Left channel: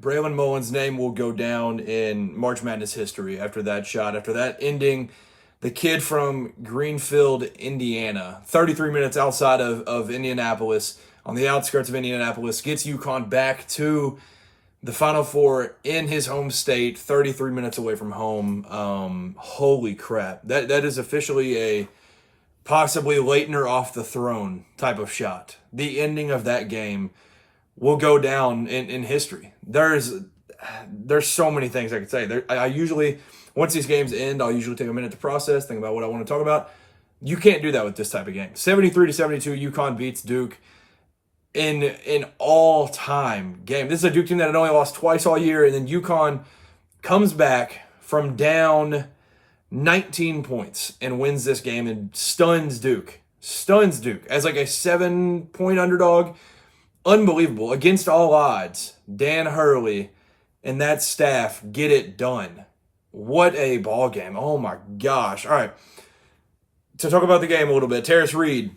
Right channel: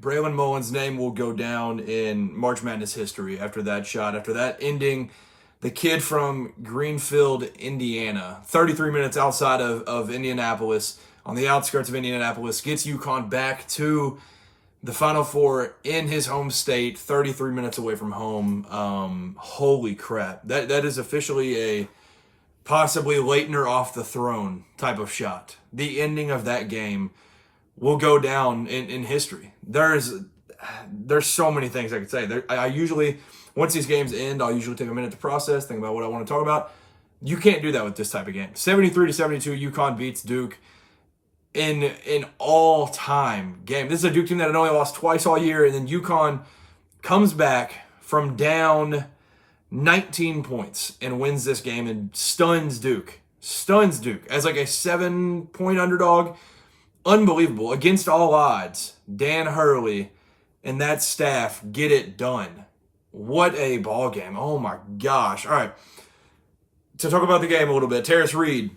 Braylon Mullins' name will go down in March Madness history after that shot, after that ending. The kid from Greenfield, Indiana, 33 minutes outside of Indianapolis, on the outskirts of Indianapolis, gets Uconn back to the Final Four in his home state, 33 minutes away from home. Holy crap. That is officially a possibly Laettner off the throne type of shot. The ending of that game will go down in history. There's so many things I could say. I usually, once these games end, I'll usually take a minute to process, think about what I want to talk about. You can't do that with this type of game. 73-72, Uconn beats Duke in all-time game. This is a Duke team that had only lost twice all year, and then Uconn comes back from down 19 points and wins this game and stuns Duke. Stuns Duke as like a 7-point underdog. Unbelievable. Against all odds, Dan Hurley and that staff get it done. What a ball game. Oh my gosh. All right. To talk about the game a little bit, Terrace Reed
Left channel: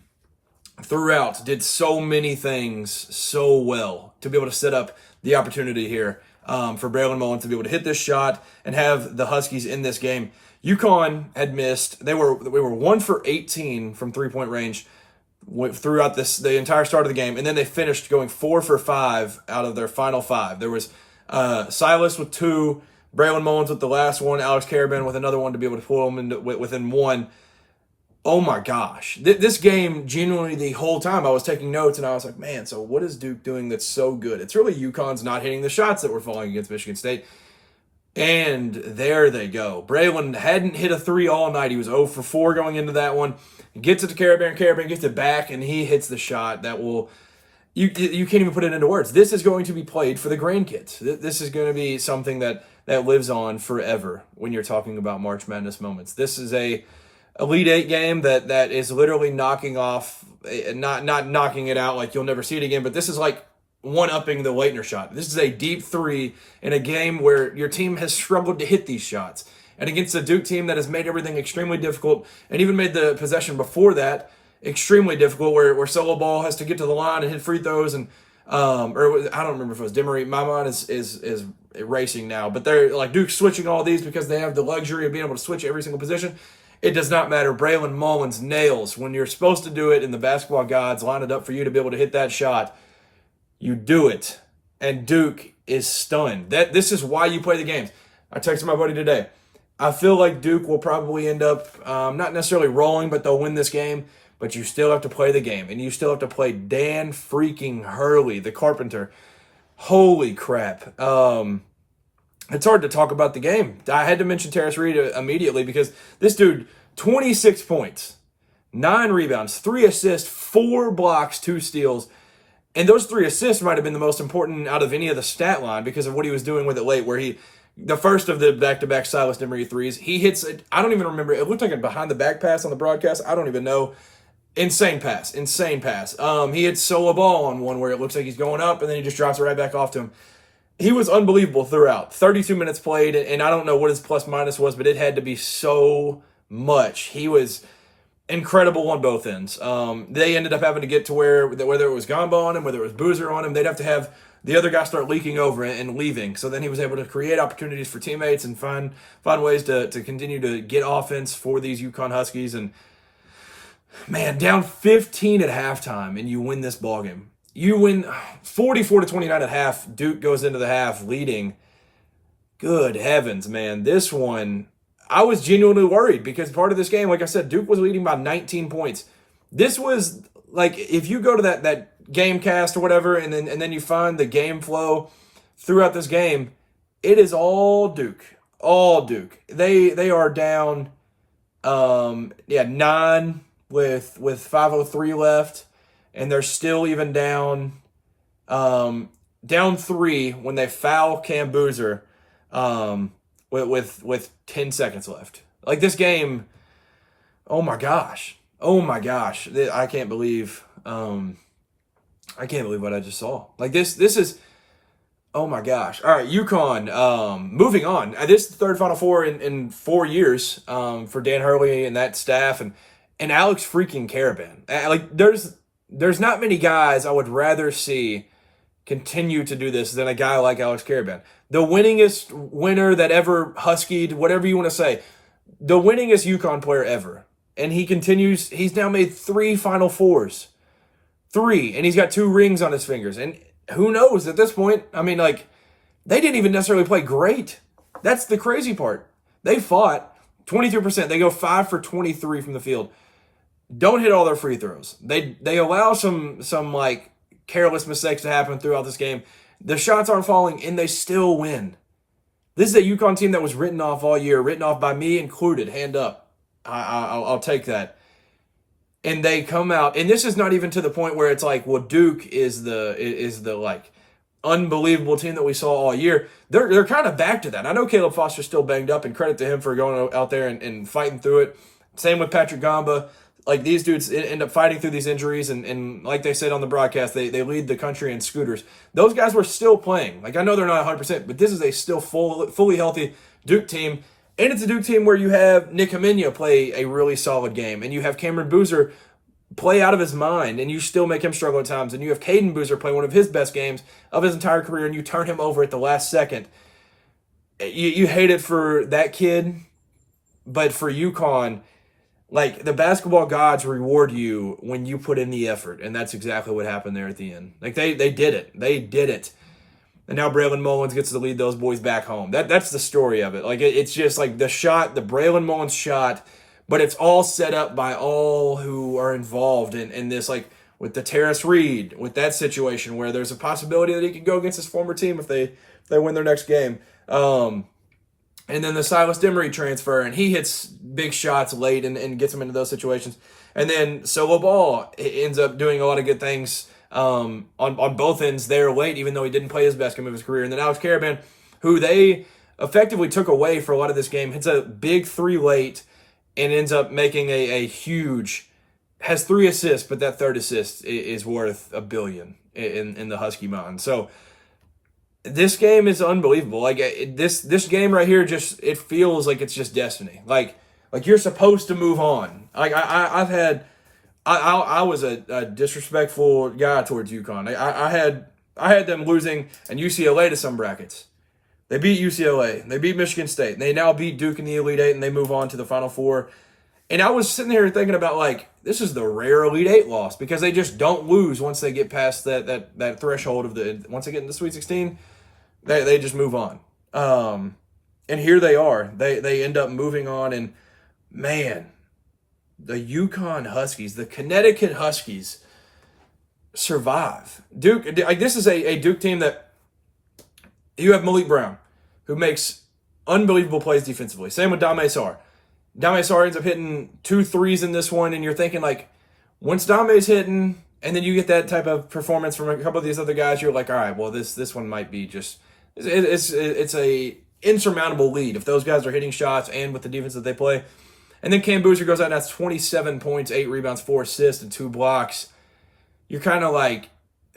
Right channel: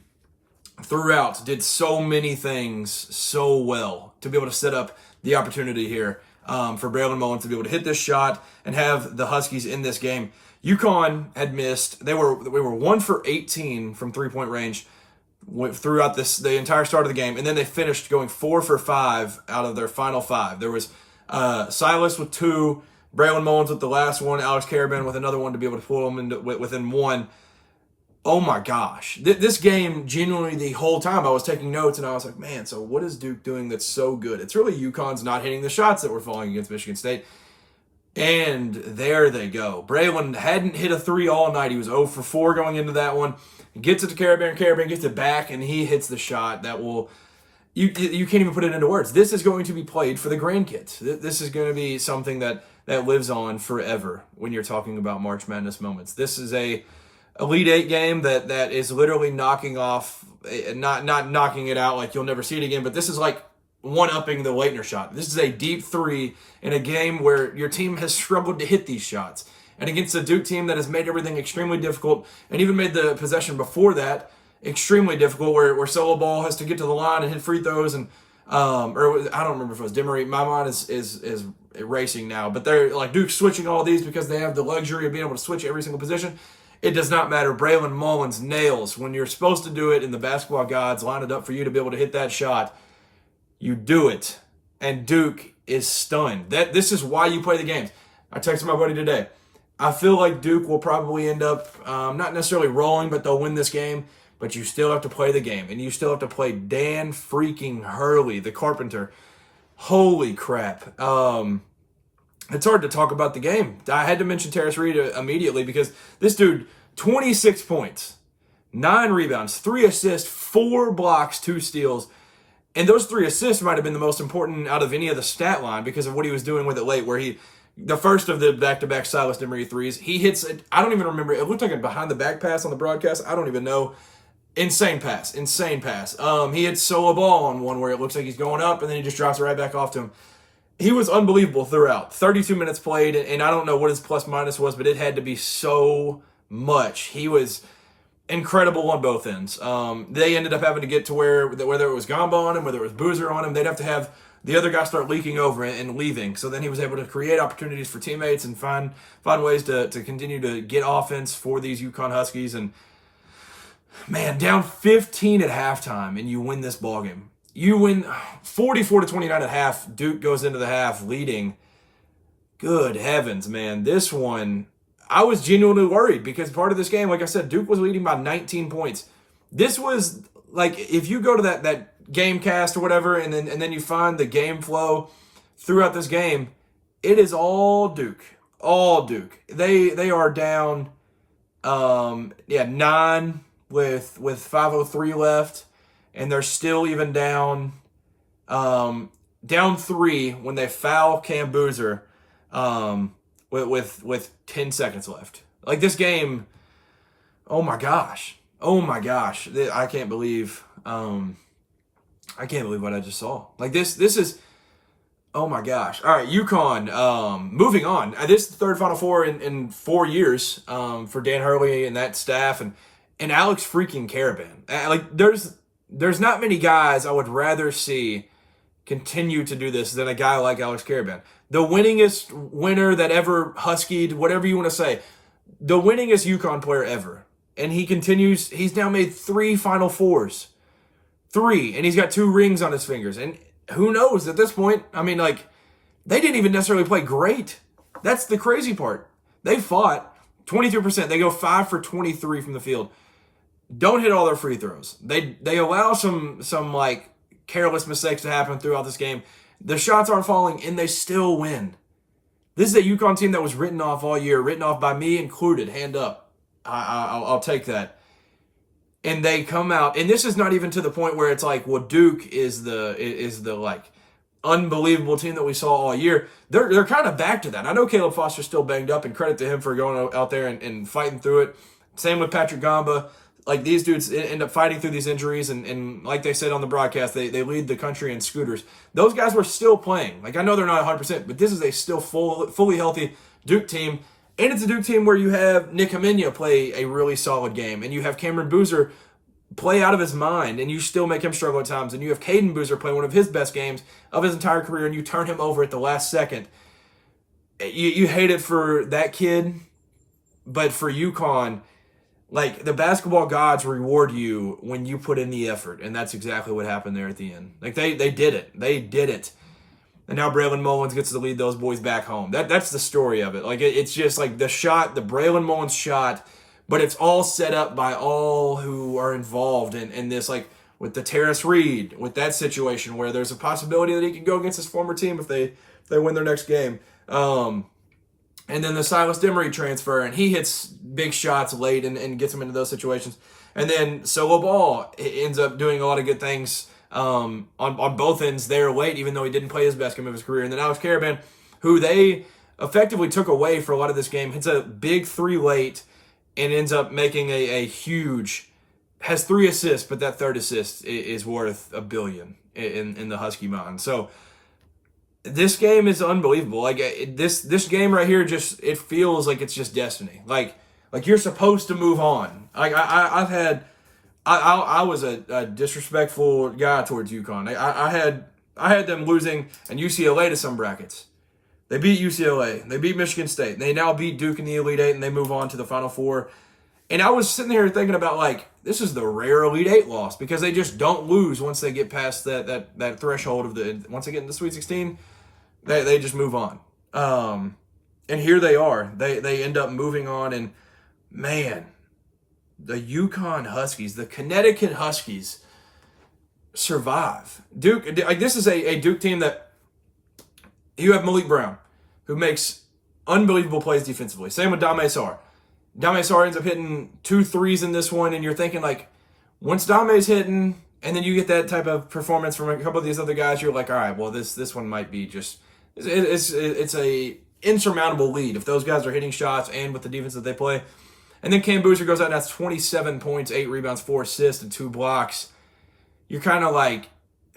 throughout did so many things so well to be able to set up the opportunity here for Braylon Mullins to be able to hit this shot and have the Huskies in this game. Uconn had missed. They were 1 for 18 from three-point range throughout the entire start of the game, and then they finished going 4 for 5 out of their final 5. There was Silas with 2, Braylon Mullins with the last one, Alex Karabin with another one to be able to pull them into, within 1. Oh my gosh. This game, genuinely the whole time I was taking notes and I was like, man, so what is Duke doing that's so good? It's really Uconn's not hitting the shots that were falling against Michigan State. And there they go. Braylon hadn't hit a 3 all night. He was 0 for 4 going into that one. He gets it to Karabin. Karabin gets it back, and he hits the shot that will... You can't even put it into words. This is going to be played for the grandkids. This is going to be something that lives on forever when you're talking about March Madness moments. This is a Elite Eight game that is literally knocking off, not knocking it out like you'll never see it again, but this is like one-upping the Laettner shot. This is a deep 3 in a game where your team has struggled to hit these shots. And against a Duke team that has made everything extremely difficult and even made the possession before that extremely difficult, where Solo Ball has to get to the line and hit free throws, and or I don't remember if it was Demery. My mind is racing now, but they're like Duke switching all these because they have the luxury of being able to switch every single position. It does not matter. Braylon Mullins nails when you're supposed to do it, and the basketball gods line it up for you to be able to hit that shot. You do it, and Duke is stunned. This is why you play the games. I texted my buddy today. I feel like Duke will probably end up not necessarily rolling, but they'll win this game. But you still have to play the game, and you still have to play Dan freaking Hurley, the Carpenter. Holy crap. It's hard to talk about the game. I had to mention Terrace Reed immediately because this dude, 26 points, 9 rebounds, 3 assists, 4 blocks, 2 steals. And those 3 assists might have been the most important out of any of the stat line because of what he was doing with it late, where the first of the back-to-back Silas Demery threes, he hits it. I don't even remember. It looked like a behind-the-back pass on the broadcast. I don't even know. Insane pass. He hits Solo Ball on one where it looks like he's going up, and then he just drops it right back off to him. He was unbelievable throughout. 32 minutes played, and I don't know what his plus-minus was, but it had to be so much. He was incredible on both ends. They ended up having to get to where, whether it was Gamba on him, whether it was Boozer on him, they'd have to have the other guy start leaking over and leaving. So then he was able to create opportunities for teammates and find ways to continue to get offense for these Uconn Huskies. And man, down 15 at halftime, and you win this ballgame. You win 44-29 at half. Duke goes into the half leading. Good heavens, man. This one, I was genuinely worried because part of this game, like I said, Duke was leading by 19 points. This was like, if you go to that game cast or whatever, and then you find the game flow throughout this game, it is all Duke. All Duke. They are down 9 with 5:03 left, and they're still even down 3 when they foul Cam Boozer with 10 seconds left. Like this game, oh my gosh. I can't believe what I just saw. Like this is, oh my gosh. All right, Uconn, moving on. This is the third Final Four in 4 years for Dan Hurley and that staff, and Alex freaking Karabin. Like there's not many guys I would rather see continue to do this than a guy like Alex Caravan. The winningest winner that ever Huskied, whatever you want to say, the winningest Uconn player ever. And he continues, he's now made 3 Final Fours. 3, and he's got 2 rings on his fingers. And who knows at this point? I mean, like, they didn't even necessarily play great. That's the crazy part. They fought 23%. They go 5 for 23 from the field. Don't hit all their free throws. They allow some like careless mistakes to happen throughout this game. The shots aren't falling, and they still win. This is a Uconn team that was written off all year, written off by me included, hand up. I'll take that. And they come out, and this is not even to the point where it's like, well, Duke is the like unbelievable team that we saw all year. They're kind of back to that. I know Caleb Foster's still banged up, and credit to him for going out there and fighting through it. Same with Patrick Gamba. Like, these dudes end up fighting through these injuries, and like they said on the broadcast, they lead the country in scooters. Those guys were still playing. Like, I know they're not 100%, but this is a still fully healthy Duke team. And it's a Duke team where you have Nick Hamenia play a really solid game, and you have Cameron Boozer play out of his mind, and you still make him struggle at times, and you have Caden Boozer play one of his best games of his entire career, and you turn him over at the last second. You hate it for that kid, but for UConn, like, the basketball gods reward you when you put in the effort, and that's exactly what happened there at the end. Like, they did it. They did it. And now Braylon Mullins gets to lead those boys back home. That's the story of it. Like, it's just like the Braylon Mullins shot, but it's all set up by all who are involved in this, like with the Terrace Reed, with that situation where there's a possibility that he can go against his former team if they win their next game. And then the Silas Demery transfer, and he hits big shots late and gets them into those situations. And then Solo Ball ends up doing a lot of good things on both ends there late, even though he didn't play his best game of his career. And then Alex Caravan, who they effectively took away for a lot of this game, hits a big 3 late and ends up making a huge, has 3 assists, but that 3rd assist is worth $1 billion in the Husky mind. So this game is unbelievable. Like, this game right here, just, it feels like it's just destiny. Like you're supposed to move on. Like, I was a disrespectful guy towards UConn. I had them losing and UCLA to some brackets. They beat UCLA. They beat Michigan State. They now beat Duke in the Elite Eight, and they move on to the Final Four. And I was sitting here thinking about, like, this is the rare Elite Eight loss, because they just don't lose once they get past that threshold of once they get into the Sweet 16, they just move on. And here they are. They end up moving on, and man, the Uconn Huskies, the Connecticut Huskies, survive. Duke, like, this is a Duke team that you have Malik Brown, who makes unbelievable plays defensively. Same with Dame Sarr. Dame Sarr ends up hitting 2 threes in this one, and you're thinking, like, once Dame's hitting, and then you get that type of performance from a couple of these other guys, you're like, all right, well, this one might be just, it's a insurmountable lead if those guys are hitting shots and with the defense that they play. And then Cam Boozer goes out and has 27 points, 8 rebounds, 4 assists, and 2 blocks. You're kind of like,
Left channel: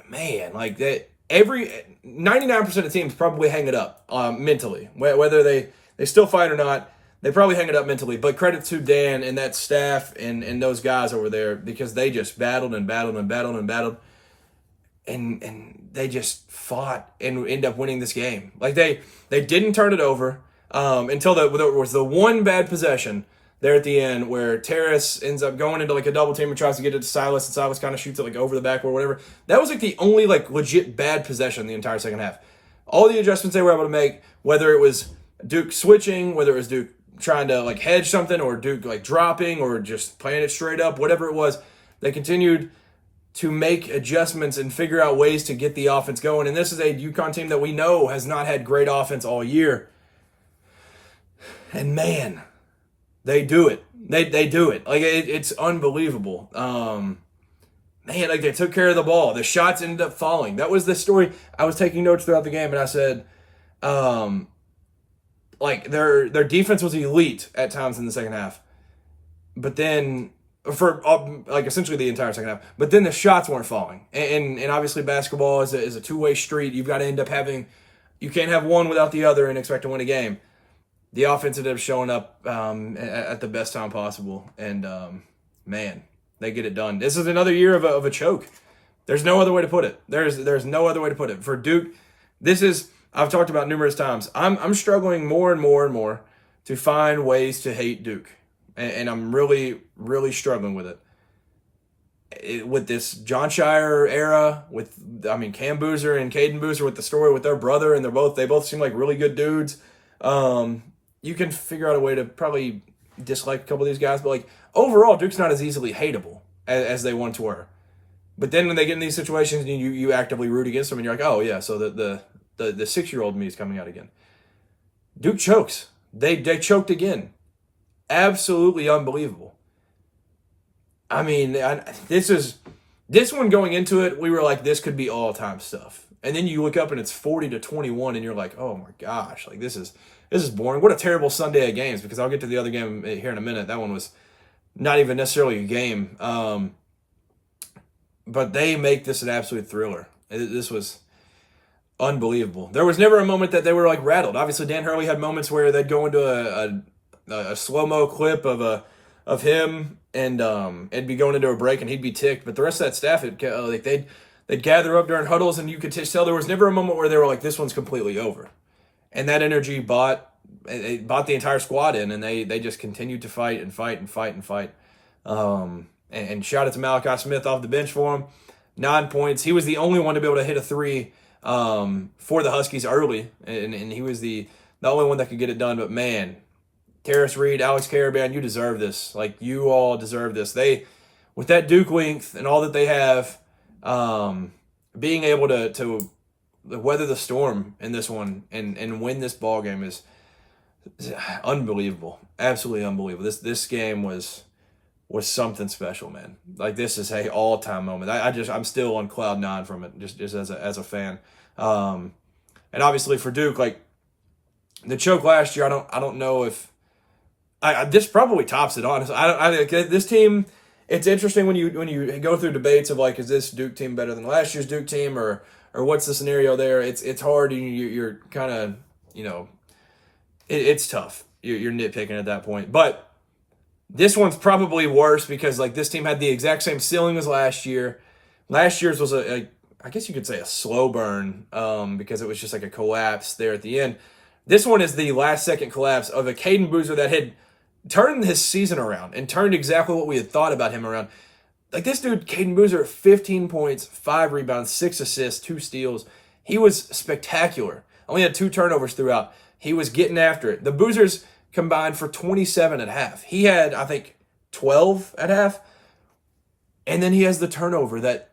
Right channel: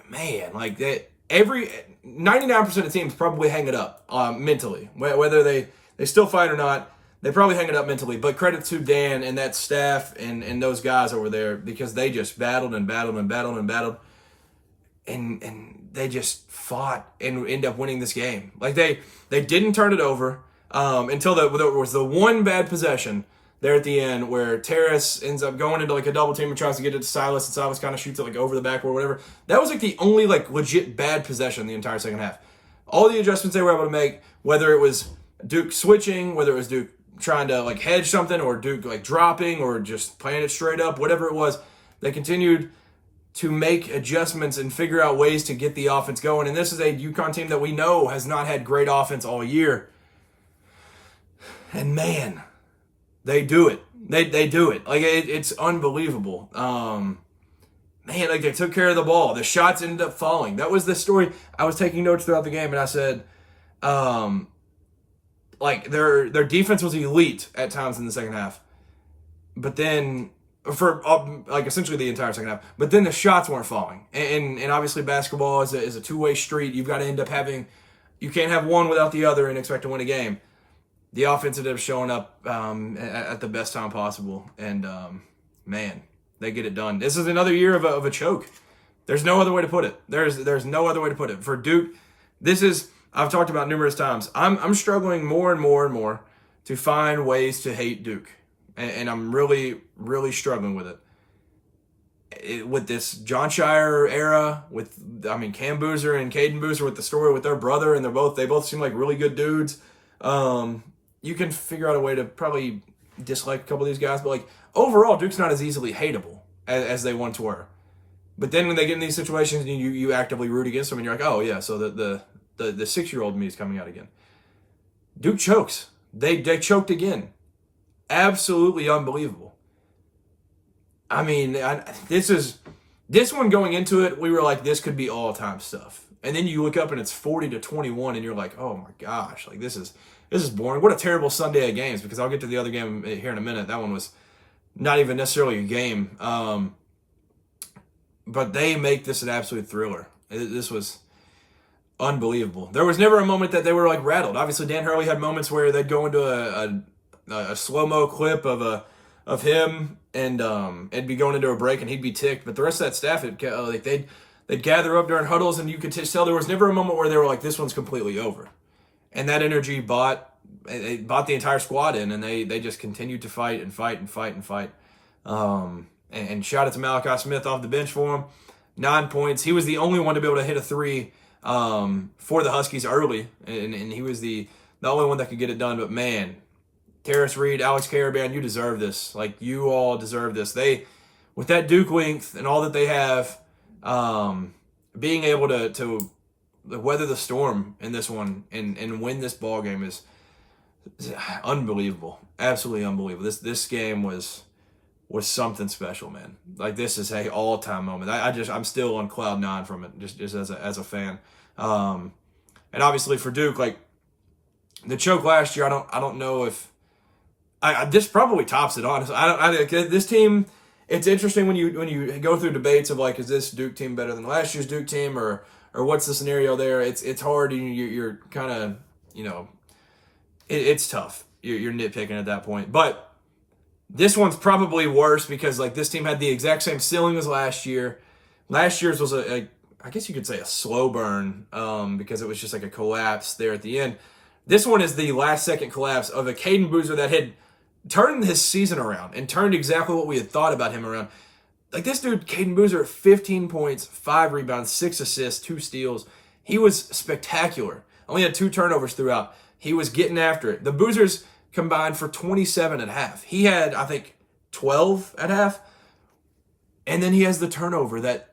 man, like, that. 99% of teams probably hang it up mentally. Whether they still fight or not, they probably hang it up mentally. But credit to Dan and that staff and those guys over there, because they just battled and battled and battled and battled. And they just fought and ended up winning this game. Like, they didn't turn it over until there was the one bad possession there at the end where Terrace ends up going into, like, a double team and tries to get it to Silas, and Silas kind of shoots it, like, over the backboard or whatever. That was, like, the only, like, legit bad possession in the entire second half. All the adjustments they were able to make, whether it was Duke switching, whether it was Duke trying to, like, hedge something, or Duke, like, dropping, or just playing it straight up, whatever it was, they continued to make adjustments and figure out ways to get the offense going. And this is a UConn team that we know has not had great offense all year. And, man, they do it. They do it. Like, it's unbelievable. Man, like, they took care of the ball. The shots ended up falling. That was the story. I was taking notes throughout the game, and I said, like, their defense was elite at times in the second half. But then, for, like, essentially the entire second half. But then the shots weren't falling. And obviously basketball is a two-way street. You've got to end up having, you can't have one without the other and expect to win a game. The offense ended up showing up at the best time possible. And, man, they get it done. This is another year of a choke. There's no other way to put it. There's no other way to put it. For Duke, this is, I've talked about numerous times. I'm struggling more and more and more to find ways to hate Duke. And I'm really, really struggling with it. With this John Shire era, Cam Boozer and Caden Boozer with the story with their brother, and they both seem like really good dudes. You can figure out a way to probably dislike a couple of these guys, but like overall, Duke's not as easily hateable as they once were. But then when they get in these situations, you actively root against them, and you're like, oh yeah, so the 6-year-old me is coming out again. Duke chokes. They choked again. Absolutely unbelievable. I mean, this one going into it, we were like, this could be all-time stuff. And then you look up and it's 40-21, and you're like, oh my gosh, like this is boring. What a terrible Sunday of games, because I'll get to the other game here in a minute. That one was not even necessarily a game. But they make this an absolute thriller. This was unbelievable. There was never a moment that they were like rattled. Obviously, Dan Hurley had moments where they'd go into a slow-mo clip of him, and it'd be going into a break, and he'd be ticked. But the rest of that staff, they'd gather up during huddles, and you could tell there was never a moment where they were like, this one's completely over. And that energy bought the entire squad in, and they just continued to fight and fight and fight and fight. And shout out to Malachi Smith off the bench for him. 9 points. He was the only one to be able to hit a three for the Huskies early, and he was the only one that could get it done. But man, Terrace Reed, Alex Caravan, you deserve this. Like, you all deserve this. They, with that Duke length and all that they have, being able to weather the storm in this one and win this ball game is unbelievable. Absolutely unbelievable. This game was something special, man. Like, this is a all-time moment. I'm still on cloud 9 from it, just as a fan. And obviously for Duke, like the choke last year, I don't know if this probably tops it, honestly. This team, it's interesting when you go through debates of like, is this Duke team better than last year's Duke team, or what's the scenario there? It's hard. You're kind of, it's tough. You're nitpicking at that point, but this one's probably worse because like this team had the exact same ceiling as last year. Last year's was I guess you could say a slow burn because it was just like a collapse there at the end. This one is the last second collapse of a Caden Boozer that had turned his season around and turned exactly what we had thought about him around. Like this dude, Caden Boozer, 15 points, 5 rebounds, 6 assists, 2 steals. He was spectacular. Only had 2 turnovers throughout. He was getting after it. The Boozers combined for 27 at half. He had, I think, 12 at half. And then he has the turnover that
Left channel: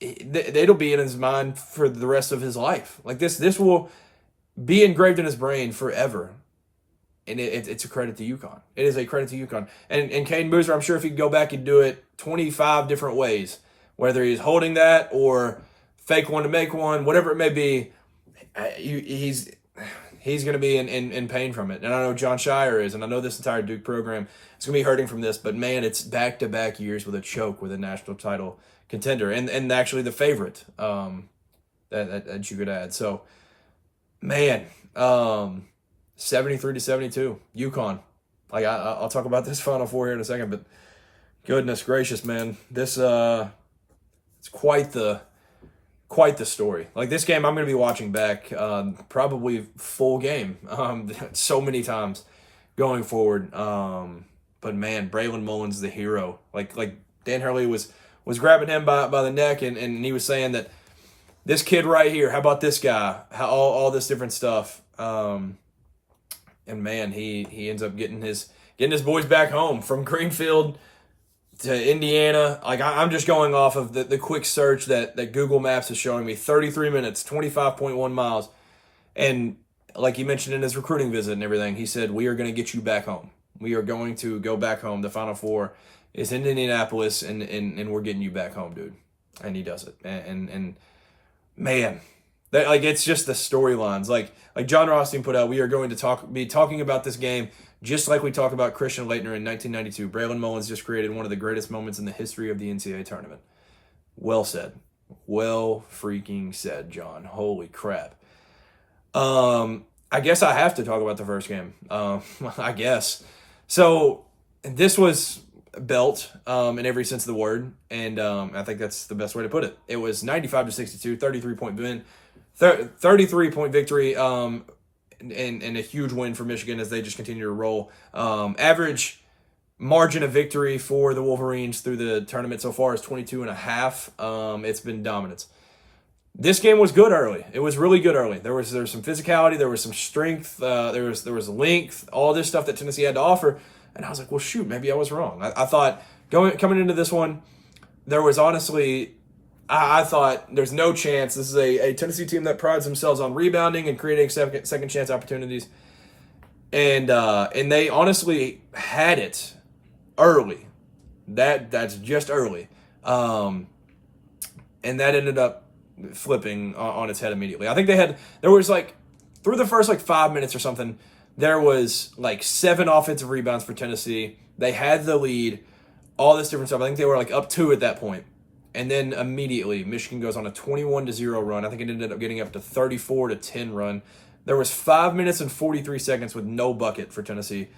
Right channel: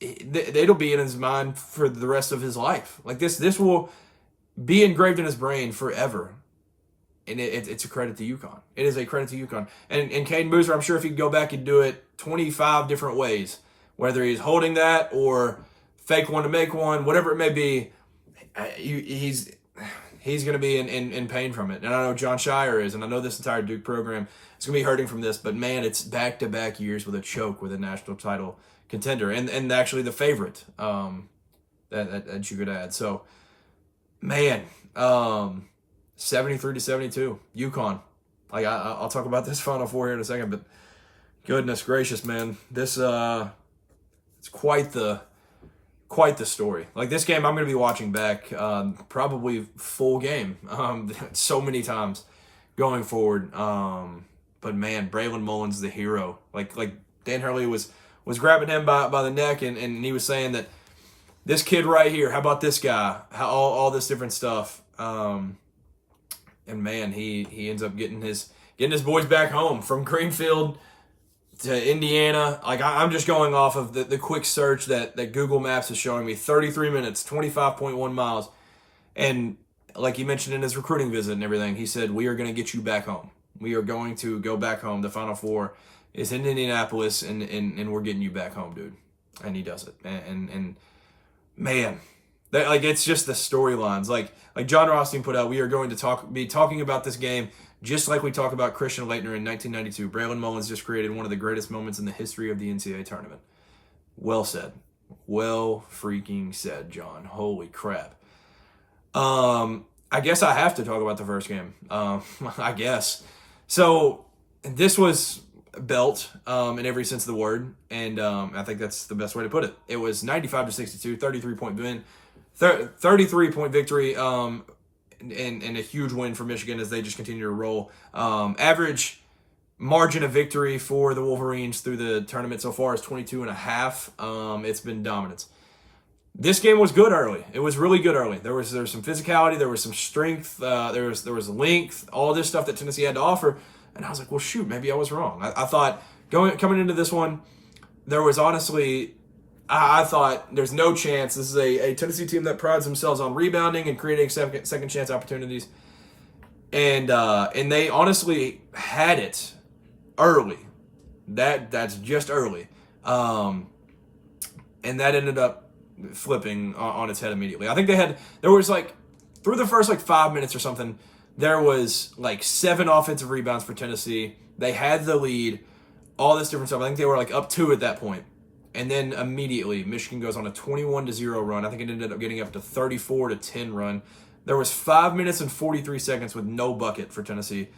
it'll be in his mind for the rest of his life. Like this will be engraved in his brain forever. And it's a credit to Uconn. It is a credit to Uconn. And Caden Boozer, I'm sure if he could go back, he'd do it 25 different ways. Whether he's holding that or fake one to make one, whatever it may be, he's going to be in pain from it. And I know John Shire is, and I know this entire Duke program is going to be hurting from this. But, man, it's back-to-back years with a choke with a national title contender. And actually the favorite that you could add. So, man, 73-72, Uconn. Like I'll talk about this Final Four here in a second, but goodness gracious, man, this it's quite the story. Like this game, I'm going to be watching back, probably full game, so many times going forward. But man, Braylon Mullins, the hero. Like Dan Hurley was grabbing him by the neck, and he was saying that this kid right here, how about this guy? How all this different stuff. And man, he ends up getting his boys back home from Greenfield to Indiana. Like I'm just going off of the quick search that Google Maps is showing me. 33 minutes, 25.1 miles. And like he mentioned in his recruiting visit and everything, he said, we are going to get you back home. We are going to go back home. The Final Four is in Indianapolis, and we're getting you back home, dude. And he does it. And man, it's just the storylines. Like John Rothstein put out, we are going to be talking about this game just like we talk about Christian Laettner in 1992. Braylon Mullins just created one of the greatest moments in the history of the NCAA tournament. Well said. Well freaking said, John. Holy crap. I guess I have to talk about the first game. I guess. So this was belt in every sense of the word, and I think that's the best way to put it. It was 95-62, 33-point win, 33-point victory, and a huge win for Michigan as they just continue to roll. Average margin of victory for the Wolverines through the tournament so far is 22.5. It's been dominance. This game was good early. It was really good early. There was some physicality, there was some strength, there was length, all this stuff that Tennessee had to offer. And I was like, well, shoot, maybe I was wrong. I thought coming into this one, there was honestly, I thought there's no chance. This is a Tennessee team that prides themselves on rebounding and creating second chance opportunities. And they honestly had it early. That's just early. And that ended up flipping on its head immediately. I think there was like, through the first like 5 minutes or something, there was like 7 offensive rebounds for Tennessee. They had the lead, all this different stuff. I think they were like up 2 at that point. And then immediately Michigan goes on a 21-0 run. I think it ended up getting up to 34-10 run. There was 5 minutes and 43 seconds with no bucket for Tennessee.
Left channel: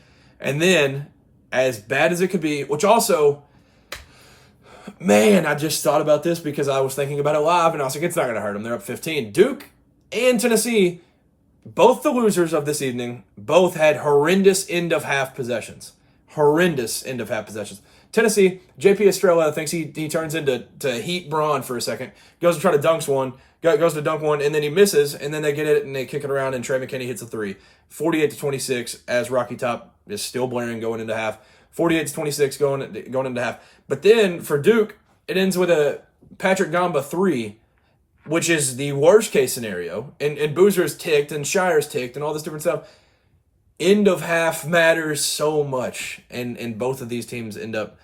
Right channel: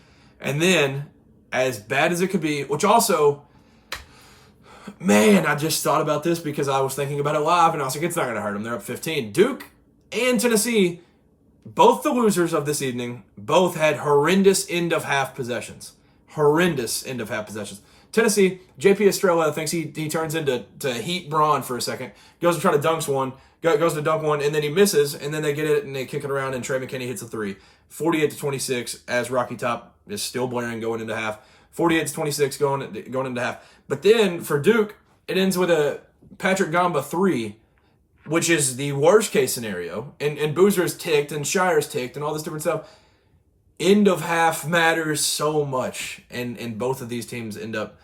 And then, as bad as it could be, which also, man, I just thought about this because I was thinking about it live, and I was like, it's not going to hurt them. They're up 15. Duke and Tennessee, both the losers of this evening, both had horrendous end-of-half possessions. Tennessee, J.P. Estrella thinks he turns into Heat Braun for a second, goes to try to dunk one, and then he misses, and then they get it, and they kick it around, and Trey McKinney hits a 3. 48-26, as Rocky Top is still blaring going into half. 48-26 going into half. But then, for Duke, it ends with a Patrick Gamba 3, which is the worst case scenario. And Boozer's ticked, and Shire's ticked, and all this different stuff. End of half matters so much, and both of these teams end up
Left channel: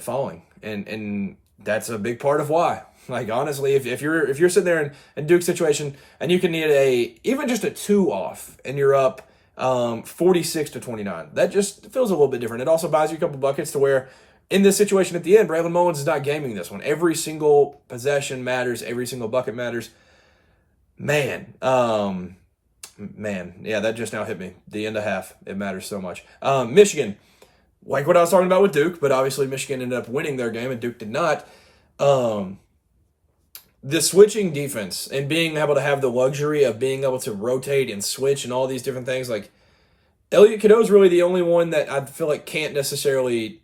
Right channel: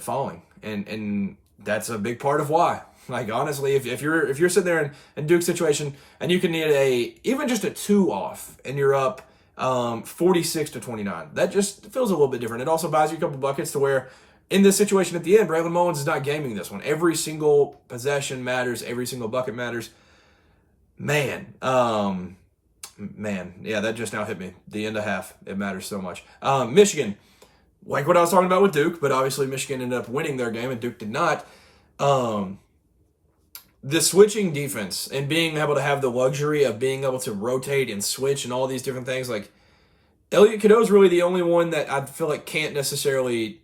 falling, and that's a big part of why. Like, honestly, if you're sitting there in Duke's situation and you can need even just a 2 off, and you're up 46-29, that just feels a little bit different. It also buys you a couple buckets to where, in this situation at the end, Braylon Mullins is not gaming this one. Every single possession matters. Every single bucket matters. Man, yeah, that just now hit me. The end of half, it matters so much. Michigan, like what I was talking about with Duke, but obviously Michigan ended up winning their game and Duke did not. The switching defense and being able to have the luxury of being able to rotate and switch and all these different things, like Elliot Cadeau is really the only one that I feel like can't necessarily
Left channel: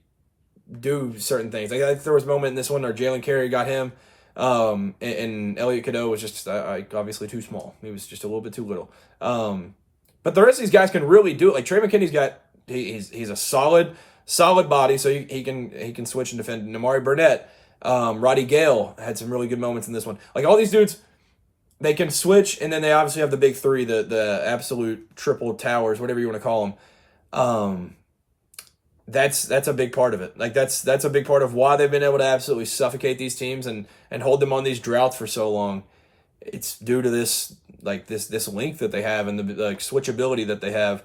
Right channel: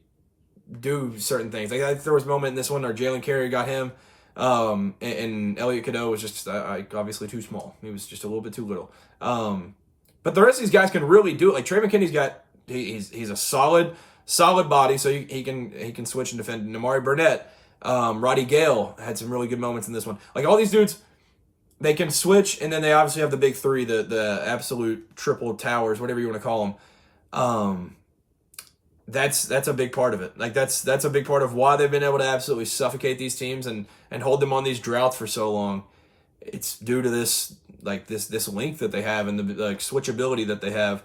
do certain things. Like there was a moment in this one where Jalen Carey got him, and Elliot Cadeau was just obviously too small. He was just a little bit too little. But the rest of these guys can really do it. Like Trey McKinney's he's a solid body, so he can switch and defend. And Amari Burnett, Roddy Gale had some really good moments in this one. Like all these dudes, they can switch, and then they obviously have the big 3, the absolute triple towers, whatever you want to call them. That's a big part of it. Like that's a big part of why they've been able to absolutely suffocate these teams and hold them on these droughts for so long. It's due to this length that they have and the switchability that they have.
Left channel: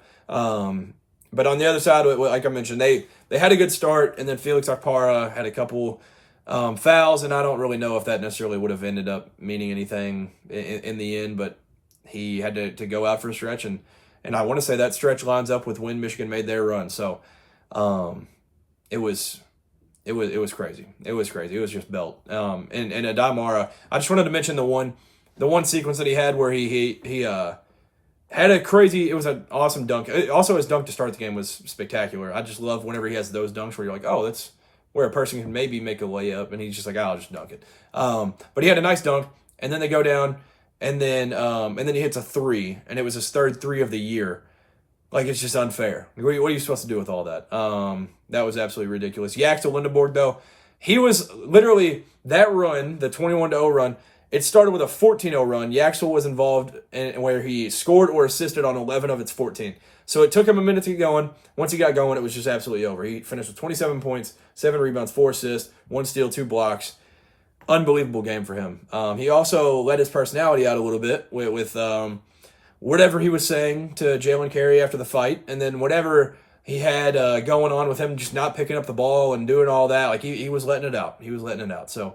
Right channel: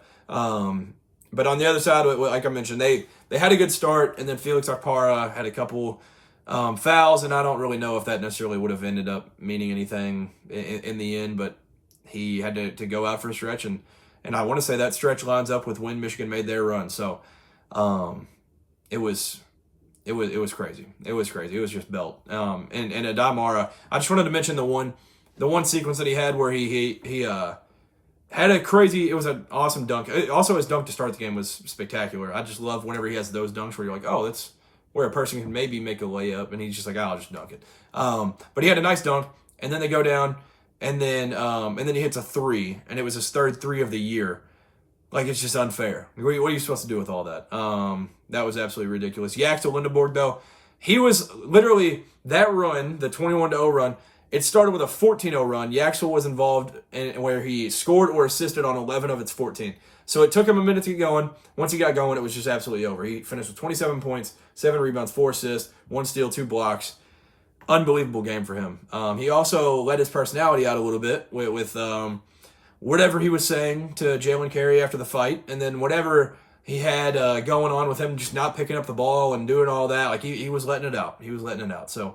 But on the other side, like I mentioned, they had a good start, and then Felix Akpara had a couple fouls, and I don't really know if that necessarily would have ended up meaning anything in the end, but he had to go out for a stretch, and I want to say that stretch lines up with when Michigan made their run. So it was crazy. It was crazy. It was just belt. And Adamara, I just wanted to mention the one sequence that he had where he had a crazy, it was an awesome dunk. Also, his dunk to start the game was spectacular. I just love whenever he has those dunks where you're like, oh, that's where a person can maybe make a layup, and he's just like, oh, I'll just dunk it. But he had a nice dunk, and then they go down, and then he hits a 3, and it was his 3rd 3 of the year. Like, it's just unfair. What are you supposed to do with all that? That was absolutely ridiculous. Yaxel Lindeborg, though, he was literally, that run, the 21-0 run, it started with a 14-0 run. Yaxel was involved in where he scored or assisted on 11 of its 14. So it took him a minute to get going. Once he got going, it was just absolutely over. He finished with 27 points, 7 rebounds, 4 assists, 1 steal, 2 blocks. Unbelievable game for him. He also let his personality out a little bit with whatever he was saying to Jalen Carey after the fight, and then whatever he had going on with him just not picking up the ball and doing all that. Like, he was letting it out. So,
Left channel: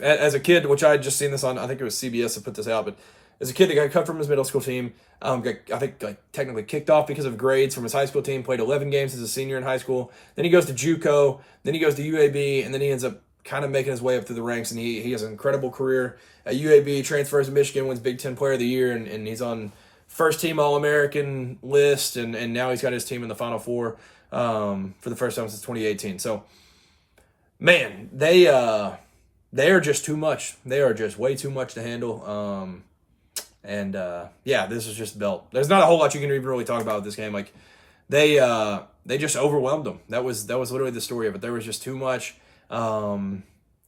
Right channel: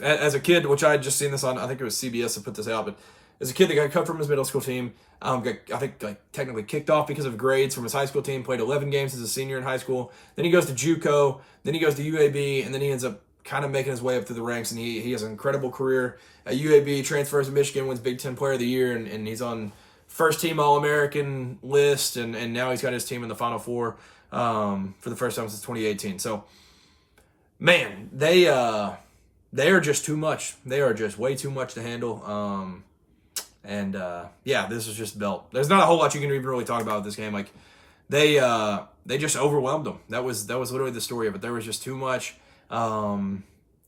as a kid, which I had just seen this on, I think it was CBS that put this out, but is a kid that got cut from his middle school team. I think technically kicked off because of grades from his high school team. Played 11 games as a senior in high school. Then he goes to JUCO. Then he goes to UAB, and then he ends up kind of making his way up through the ranks. And he has an incredible career at UAB. Transfers to Michigan, wins Big Ten Player of the Year, and he's on first team All-American list. And now he's got his team in the Final Four for the first time since 2018. So, man, they are just too much. They are just way too much to handle. This was just belt. There's not a whole lot you can even really talk about with this game. Like they just overwhelmed them. That was literally the story of it. There was just too much. They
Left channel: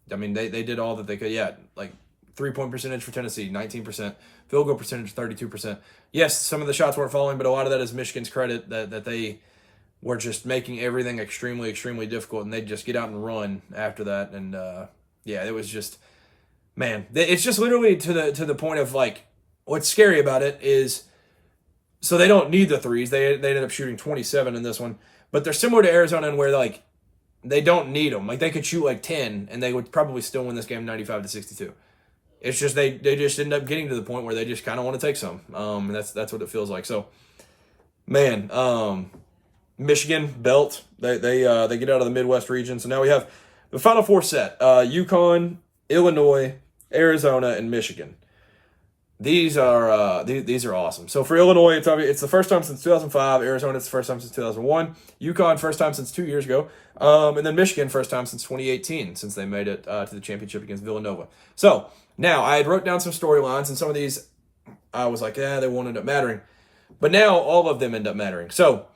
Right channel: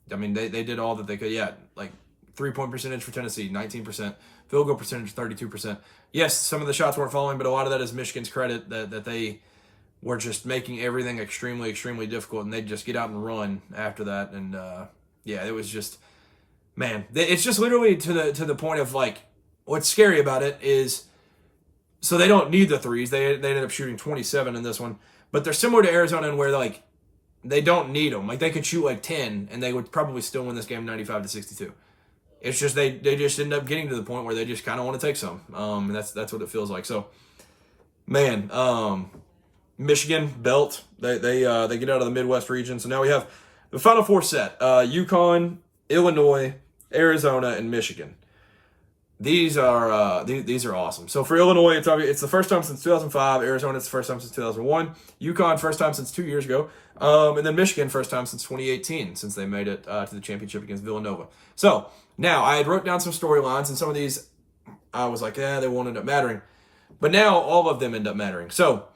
did all that they could. Yeah, like 3-point percentage for Tennessee, 19%. Field goal percentage, 32%. Yes, some of the shots weren't falling, but a lot of that is Michigan's credit that they were just making everything extremely, extremely difficult, and they'd just get out and run after that. And it was just, man, it's just literally to the point of like, what's scary about it is, so they don't need the threes. They ended up shooting 27 in this one, but they're similar to Arizona in where like they don't need them. Like they could shoot like 10 and they would probably still win this game 95-62. It's just they just end up getting to the point where they just kind of want to take some. And that's what it feels like. So, man, Michigan belt. They get out of the Midwest region. So now we have the Final Four set: Uconn, Illinois, Arizona, and Michigan. These are awesome. So for Illinois, it's the first time since 2005. Arizona, it's the first time since 2001. Uconn, first time since 2 years ago. And then Michigan, first time since 2018, since they made it to the championship against Villanova. So now I had wrote down some storylines, and some of these I was like, they won't end up mattering. But now all of them end up mattering. So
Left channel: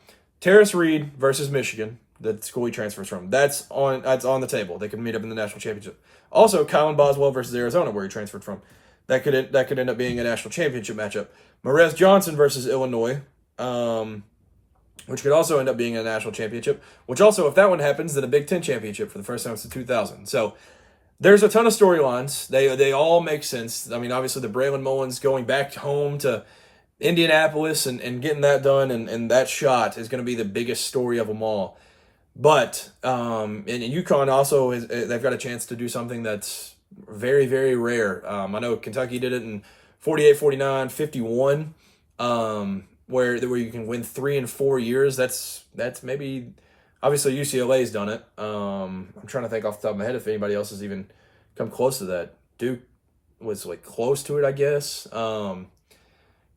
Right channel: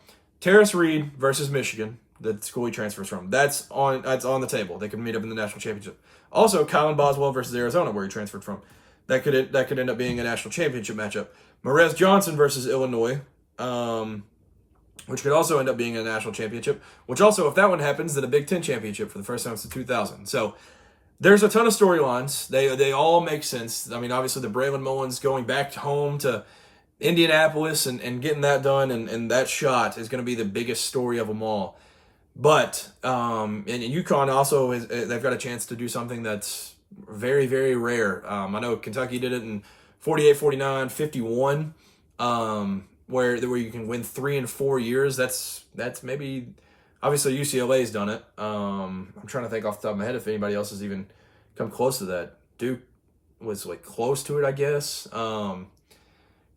Terrace Reed versus Michigan, the school he transfers from, that's on the table. They could meet up in the national championship. Also, Kylan Boswell versus Arizona, where he transferred from. That could end up being a national championship matchup. Marez Johnson versus Illinois, which could also end up being a national championship, which also, if that one happens, then a Big Ten championship for the first time since 2000. So there's a ton of storylines. They all make sense. I mean, obviously the Braylon Mullins going back home to Indianapolis and getting that done and that shot is going to be the biggest story of them all. But and UConn also they've got a chance to do something that's very, very rare. I know Kentucky did it in 48, 49, 51, where you can win 3 in 4 years. That's maybe, obviously UCLA's done it. I'm trying to think off the top of my head if anybody else has even come close to that. Duke was like close to it, I guess.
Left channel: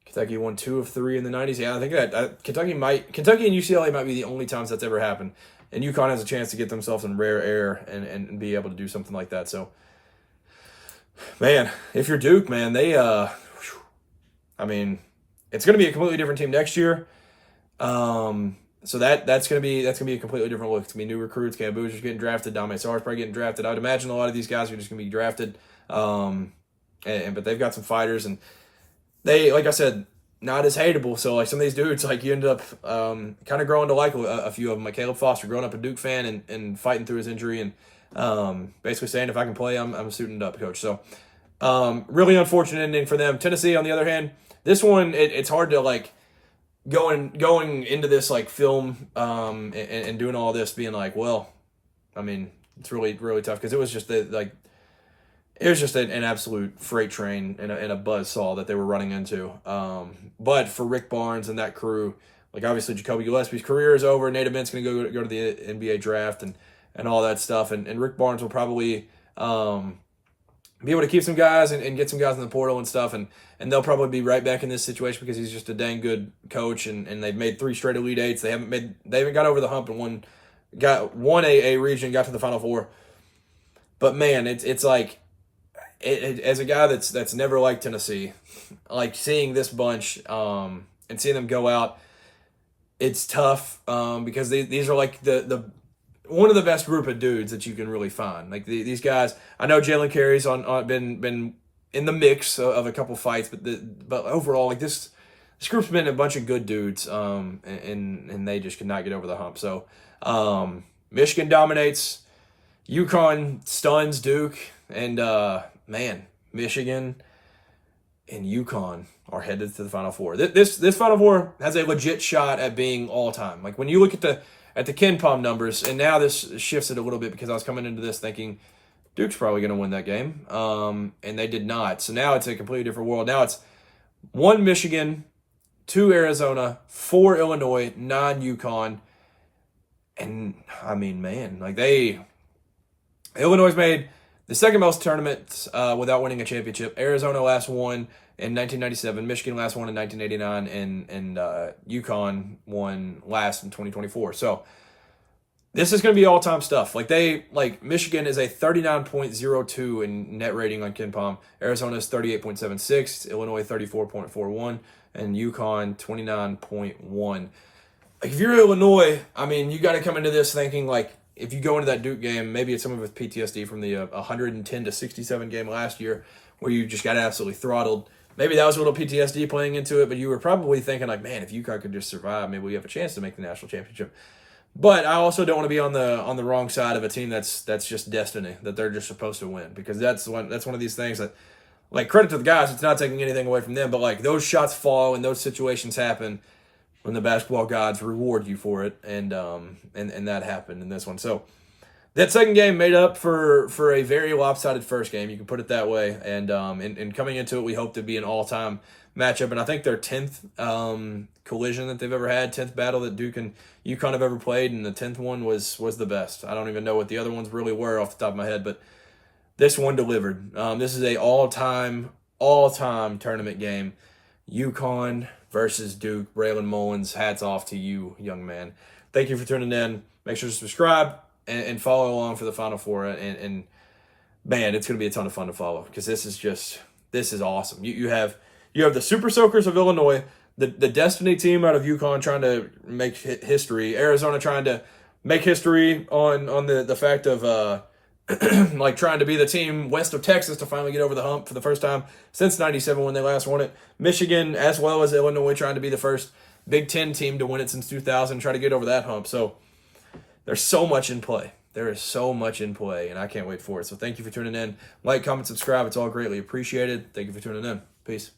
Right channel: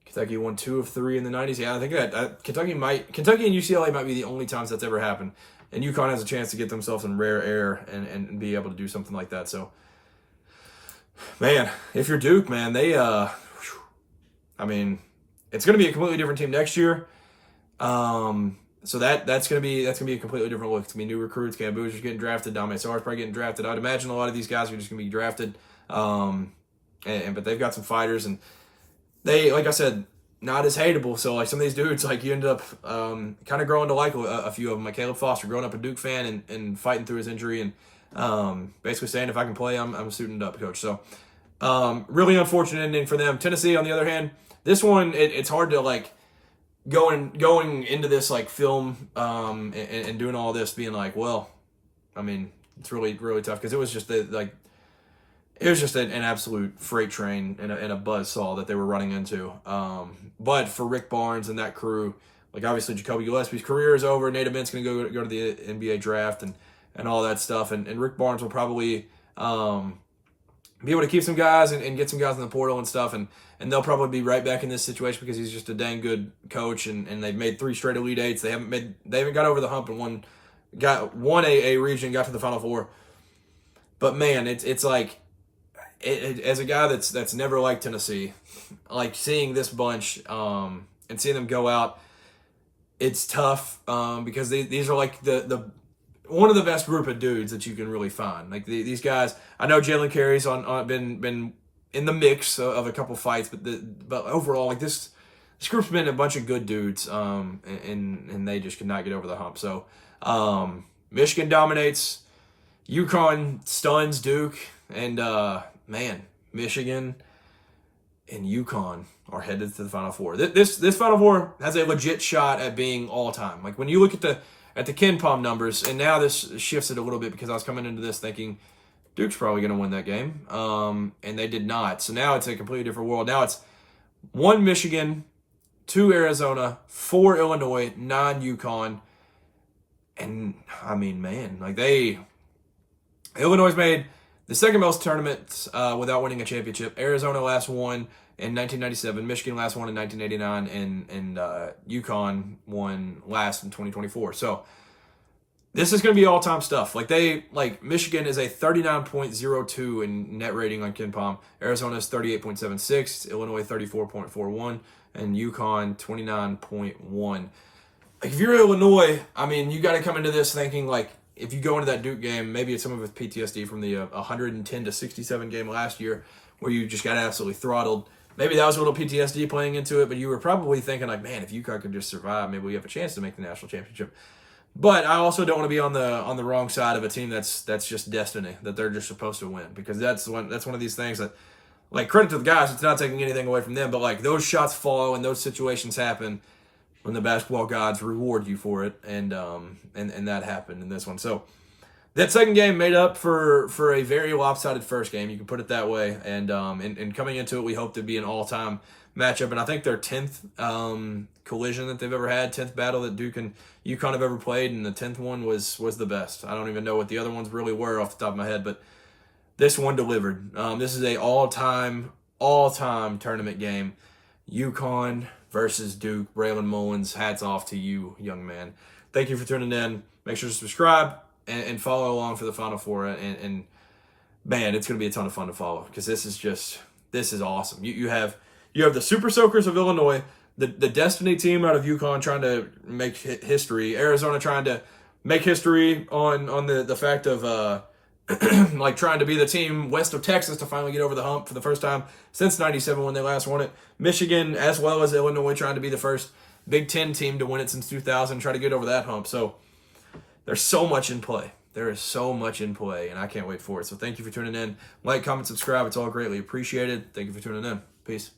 Kentucky won 2 of 3 in the 90s. Yeah, I think that Kentucky and UCLA might be the only times that's ever happened. And UConn has a chance to get themselves in rare air and be able to do something like that. So, man, if you're Duke, man, it's going to be a completely different team next year. So that's going to be a completely different look. It's going to be new recruits. Cam Boozer's getting drafted. Dame Sarr's probably getting drafted. I would imagine a lot of these guys are just going to be drafted. But they've got some fighters, and they, like I said, not as hateable. So like some of these dudes, like you end up kind of growing to like a few of them. Like Caleb Foster, growing up a Duke fan and fighting through his injury and basically saying, if I can play, I'm suiting up, coach. So really unfortunate ending for them. Tennessee, on the other hand, this one it's hard to like going into this like film and doing all this being like, well, I mean, it's really, really tough because it was just an absolute freight train and a buzzsaw that they were running into. But for Rick Barnes and that crew, like obviously Jacoby Gillespie's career is over. Nate Abent's going to go to the NBA draft and all that stuff. And Rick Barnes will probably be able to keep some guys and get some guys in the portal and stuff. And they'll probably be right back in this situation because he's just a dang good coach. And they've made 3 straight Elite Eights. They haven't got over the hump and won a region, got to the Final Four. But man, it's like, as a guy that's never liked Tennessee, like seeing this bunch and seeing them go out, it's tough because these are like the one of the best group of dudes that you can really find. Like these guys, I know Jalen Carey's been in the mix of a couple fights, but overall, like this group's been a bunch of good dudes, and they just could not get over the hump. So Michigan dominates, UConn stuns Duke, and man, Michigan and UConn are headed to the Final Four. This Final Four has a legit shot at being all time. Like when you look at the Ken Palm numbers, and now this shifts it a little bit because I was coming into this thinking Duke's probably going to win that game, and they did not. So now it's a completely different world. Now it's 1 Michigan, 2 Arizona, 4 Illinois, 9 Uconn. And, I mean, man, like Illinois made the second most tournaments without winning a championship. Arizona last won in 1997. Michigan last won in 1989. And Uconn won last in 2024. So this is going to be all-time stuff. Michigan is a 39.02 in net rating on KenPom. Arizona is 38.76. Illinois 34.41. And Uconn 29.1. Like, if you're Illinois, I mean, you got to come into this thinking, like, if you go into that Duke game, maybe it's some of it's PTSD from the 110 to 67 game last year where you just got absolutely throttled. Maybe that was a little PTSD playing into it, but you were probably thinking, like, man, if UConn could just survive, maybe we have a chance to make the national championship. But I also don't want to be on the wrong side of a team that's just destiny, that they're just supposed to win, because that's one of these things that, like, credit to the guys, it's not taking anything away from them, but, like, those shots fall and those situations happen when the basketball gods reward you for it, and that happened in this one. So that second game made up for a very lopsided first game, you can put it that way, and coming into it, we hope to be an all-time matchup, and I think their 10th collision that they've ever had, 10th battle that Duke and UConn have ever played, and the 10th one was the best. I don't even know what the other ones really were off the top of my head, but this one delivered. This is a all-time tournament game. UConn versus Duke. Braylon Mullins, hats off to you, young man. Thank you for tuning in. Make sure to subscribe and follow along for the Final Four. And man, it's going to be a ton of fun to follow, because this is awesome. You have the Super Soakers of Illinois, the Destiny team out of UConn trying to make history. Arizona trying to make history on the fact of like trying to be the team west of Texas to finally get over the hump for the first time since 97 when they last won it. Michigan, as well as Illinois, trying to be the first Big Ten team to win it since 2000, try to get over that hump. So there's so much in play. There is so much in play, and I can't wait for it. So thank you for tuning in. Like, comment, subscribe. It's all greatly appreciated. Thank you for tuning in. Peace.